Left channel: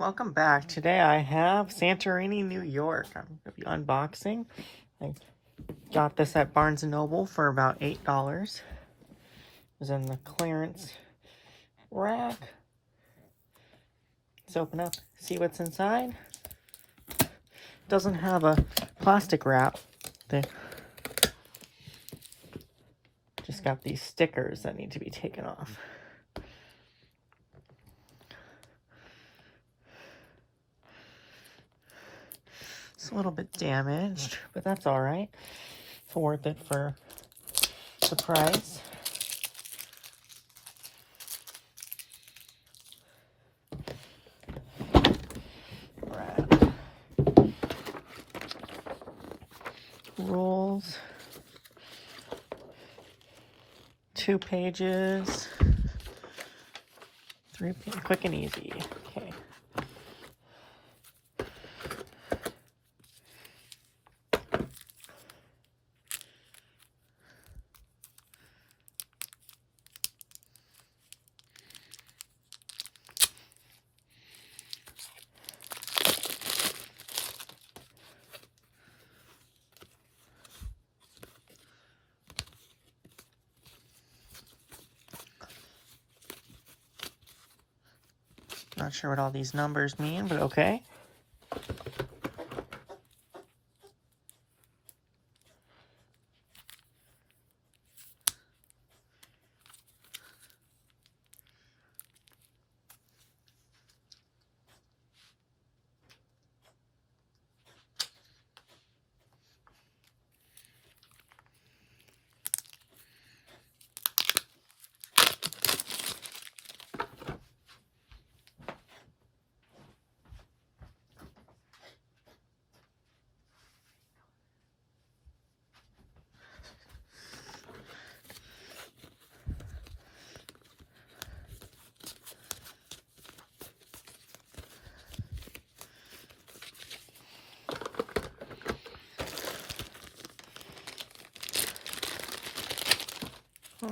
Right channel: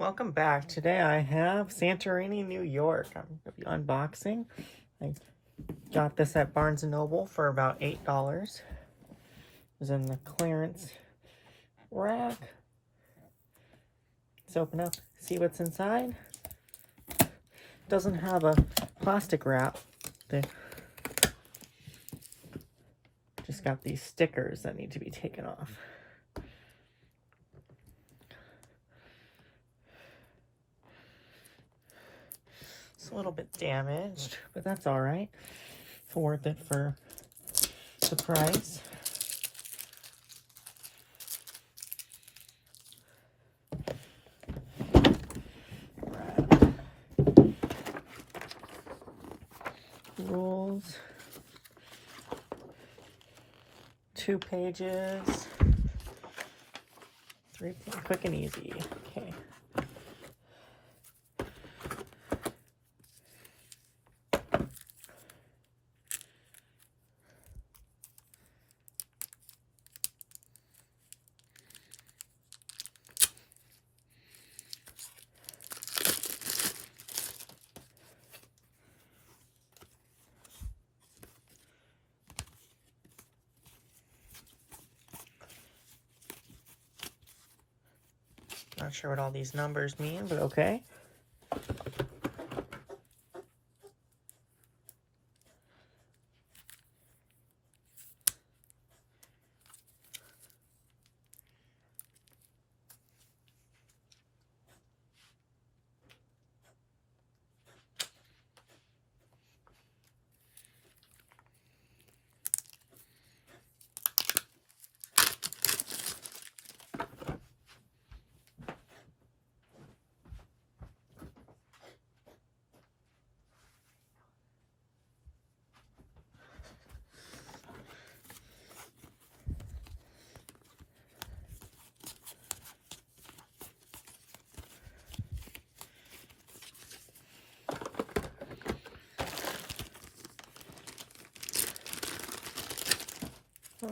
Welcome back. Today I have Santorini, New York. I'm going to be unboxing. I got this at Barnes & Noble for about $8. It was in the clearance rack. Let's open up, see what's inside. It doesn't have a plastic wrap. They just got these stickers that need to be taken off. It's a little bit damaged, but that's all right. It's worth it for the price. Rules. 2 pages. 3 pages. Quick and easy. Okay. Not sure what all these numbers mean, but okay.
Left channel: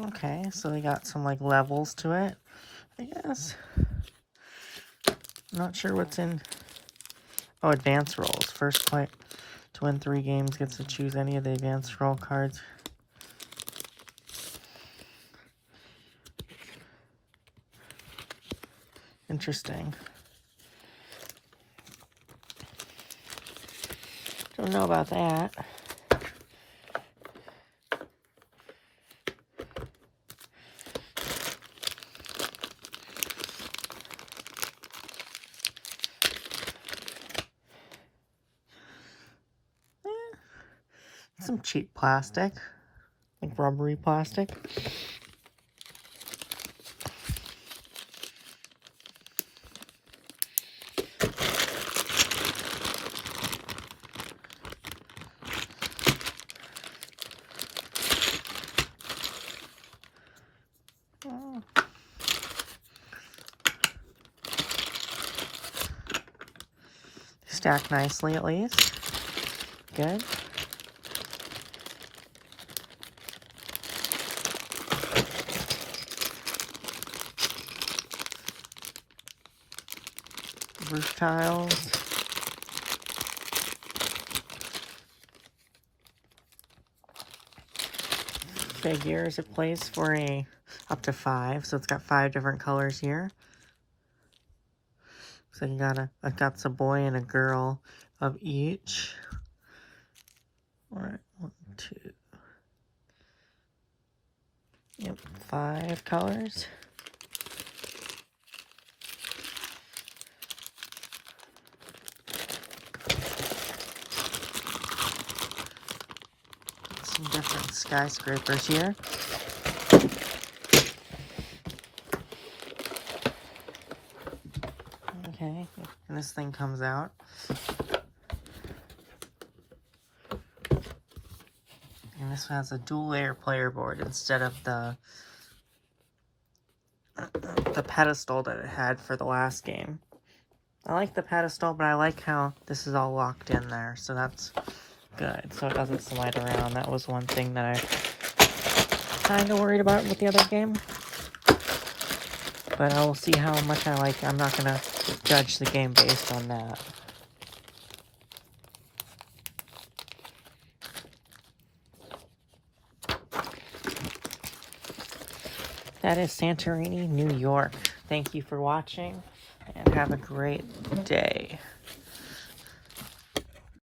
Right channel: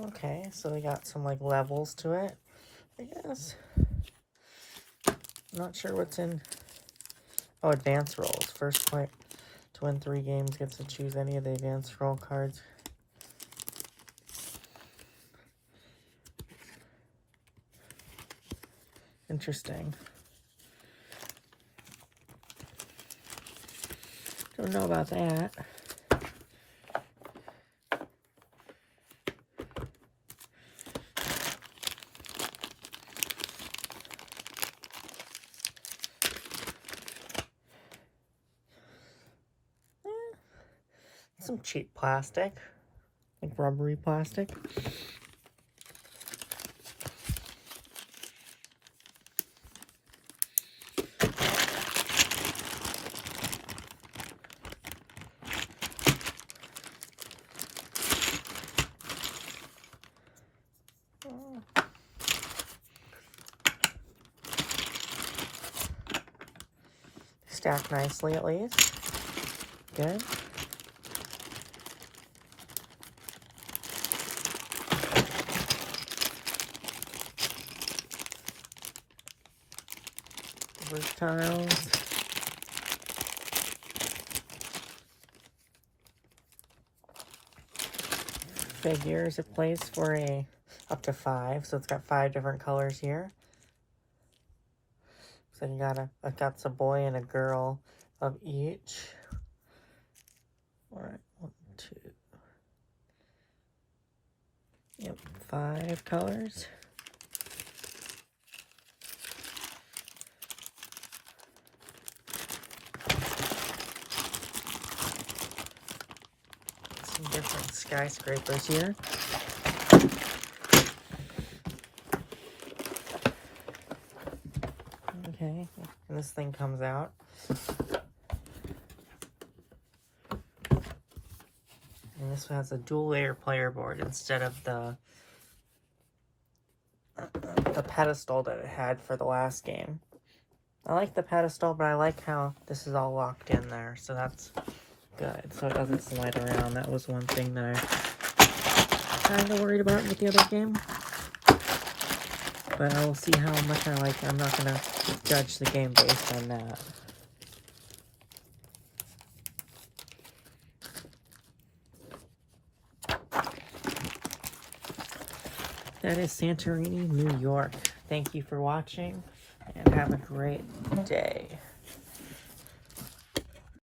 Okay, so we got some like levels to it, I guess. I'm not sure what's in. Oh, advanced rolls. First player to win 3 games gets to choose any of the advanced roll cards. Interesting. Don't know about that. Some cheap plastic, like rubbery plastic. Stacked nicely at least. Good. Roof tiles. Figures. It plays for up to 5, so it's got 5 different colors here. So you got a boy and a girl of each. All right, 1, 2. Yep, 5 colors. Some different skyscrapers here. Okay, and this thing comes out. And this has a dual layer player board instead of the pedestal that it had for the last game. I like the pedestal, but I like how this is all locked in there, so that's good. So it doesn't slide around. That was one thing that I kind of worried about with the other game. But I will see how much I like it. I'm not going to judge the game based on that. That is Santorini, New York. Thank you for watching, and have a great day.